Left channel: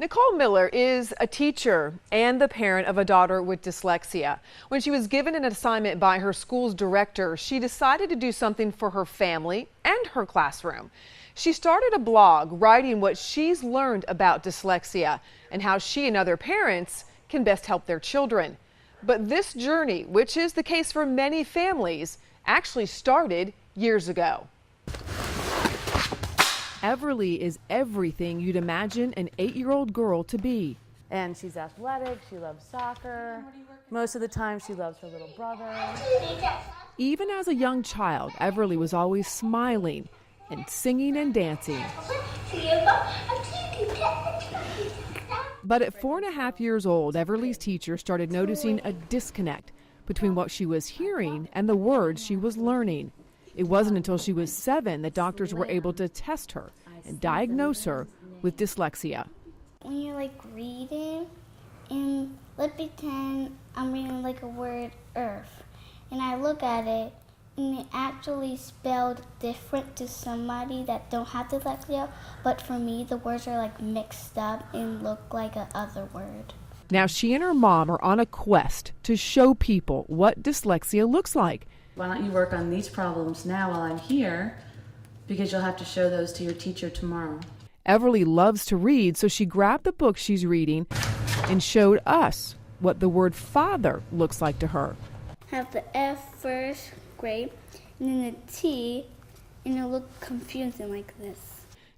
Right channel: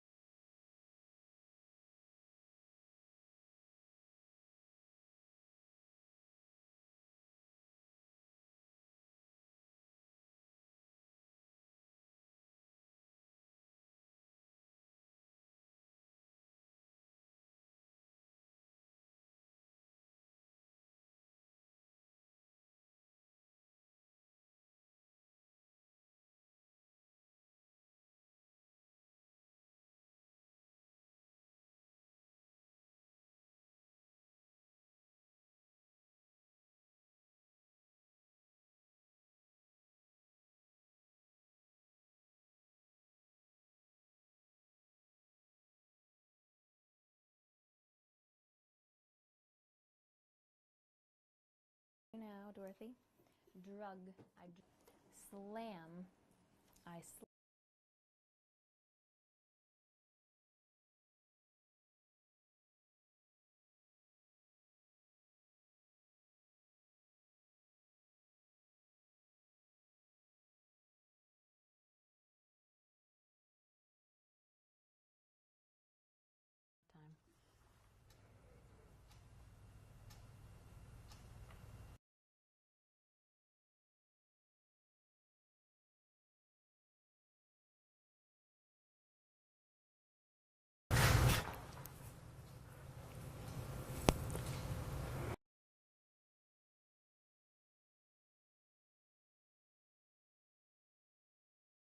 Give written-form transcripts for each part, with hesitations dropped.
Nicole Miller is a teacher and the parent of a daughter with dyslexia. When she was given an assignment by her school's director, she decided to do something for her family and her classroom. She started a blog writing what she's learned about dyslexia and how she and other parents can best help their children. But this journey, which is the case for many families, actually started years ago. Everly is everything you'd imagine an 8-year-old girl to be. And she's athletic, she loves soccer. Most of the time she loves her little brother. Even as a young child, Everly was always smiling and singing and dancing. But at 4.5 years old, Everly's teacher started noticing a disconnect between what she was hearing and the words she was learning. It wasn't until she was 7 that doctors were able to test her and diagnose her with dyslexia. When you're like reading, and let's pretend I'm reading like a word earth, and I look at it, and it actually spelled different to somebody that don't have dyslexia, but for me the words are like mixed up and look like a other word. Now she and her mom are on a quest to show people what dyslexia looks like. Why don't you work on these problems now while I'm here, because you'll have to show those to your teacher tomorrow. Everly loves to read, so she grabbed the book she's reading and showed us what the word father looks like to her. Have the F first grade, and then the T, and it'll look confusing like this.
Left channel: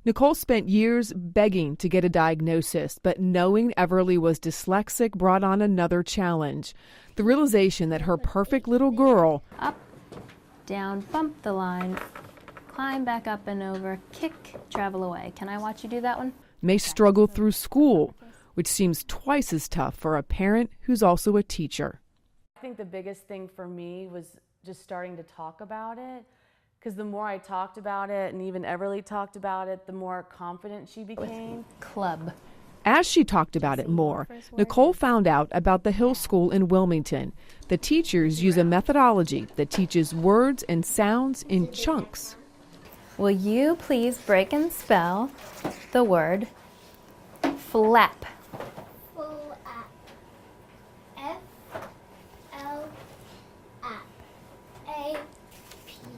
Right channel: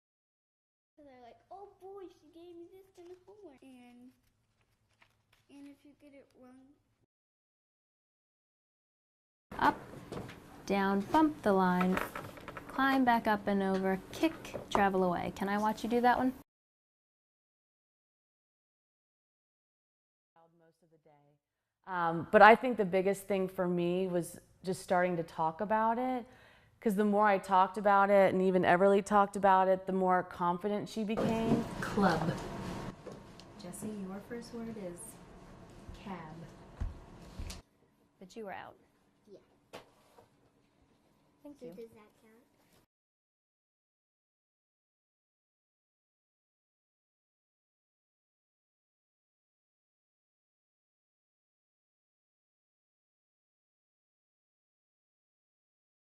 Nicole spent years begging to get a diagnosis, but knowing Everly was dyslexic brought on another challenge. The realization that her perfect little girl, up, down, bump the line, climb back up and over, kick, travel away. Can I watch you do that one? may struggle through school, which seems twice as tough for a parent who's also a teacher. But I think the biggest thing for me was just starting to talk about it, because the more I talked about it, and even Everly talked about it, the more confident she became. Club. As she talked about it more, Nicole found out about the Hill School in Wilmington. The teachers use a methodology that teaches words and sounds in chunks. Will you please break and spell the word flap?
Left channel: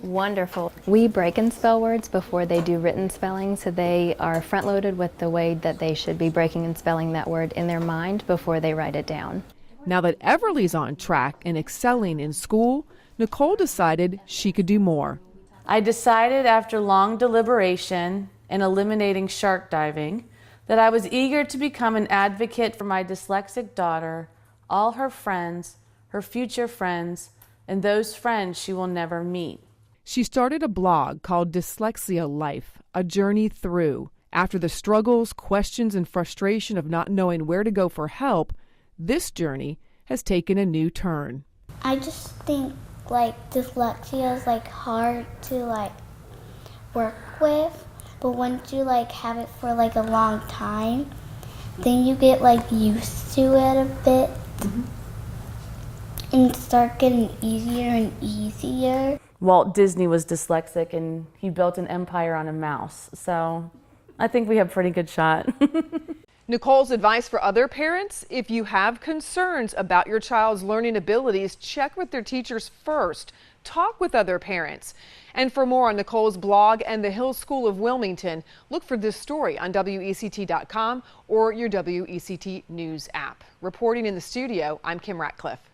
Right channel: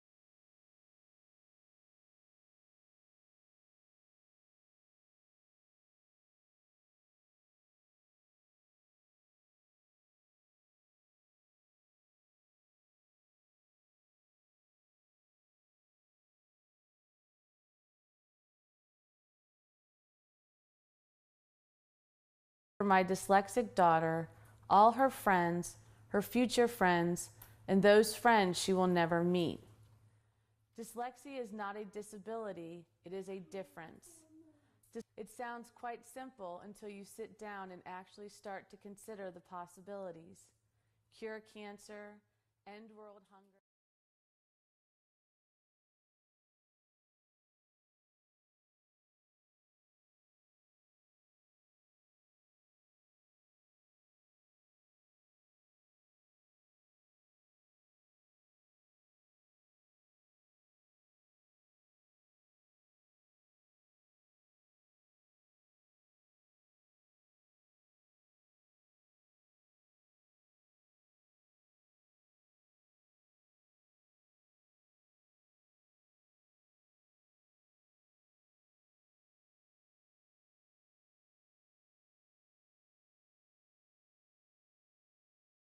Wonderful. We break and spell words before they do written spelling, so they are front-loaded with the way that they should be breaking and spelling that word in their mind before they write it down. Now that Everly's on track and excelling in school, Nicole decided she could do more. I decided after long deliberation and eliminating shark diving that I was eager to become an advocate for my dyslexic daughter, all her friends, her future friends, and those friends she will never meet. She started a blog called Dyslexia Life, a journey through. After the struggles, questions, and frustration of not knowing where to go for help, this journey has taken a new turn. I just think dyslexia is hard to work with, but once you have it for a long time, then you get used to it a bit. And start getting easier and easier. Walt Disney was dyslexic and he built an empire on a mouse, so I think we have a pretty good shot. Nicole's advice for other parents: if you have concerns about your child's learning abilities, check with their teachers first. Talk with other parents. And for more on Nicole's blog and the Hill School of Wilmington, look for this story on WECT.com or your WECT News app. Reporting in the studio, I'm Kim Ratcliffe.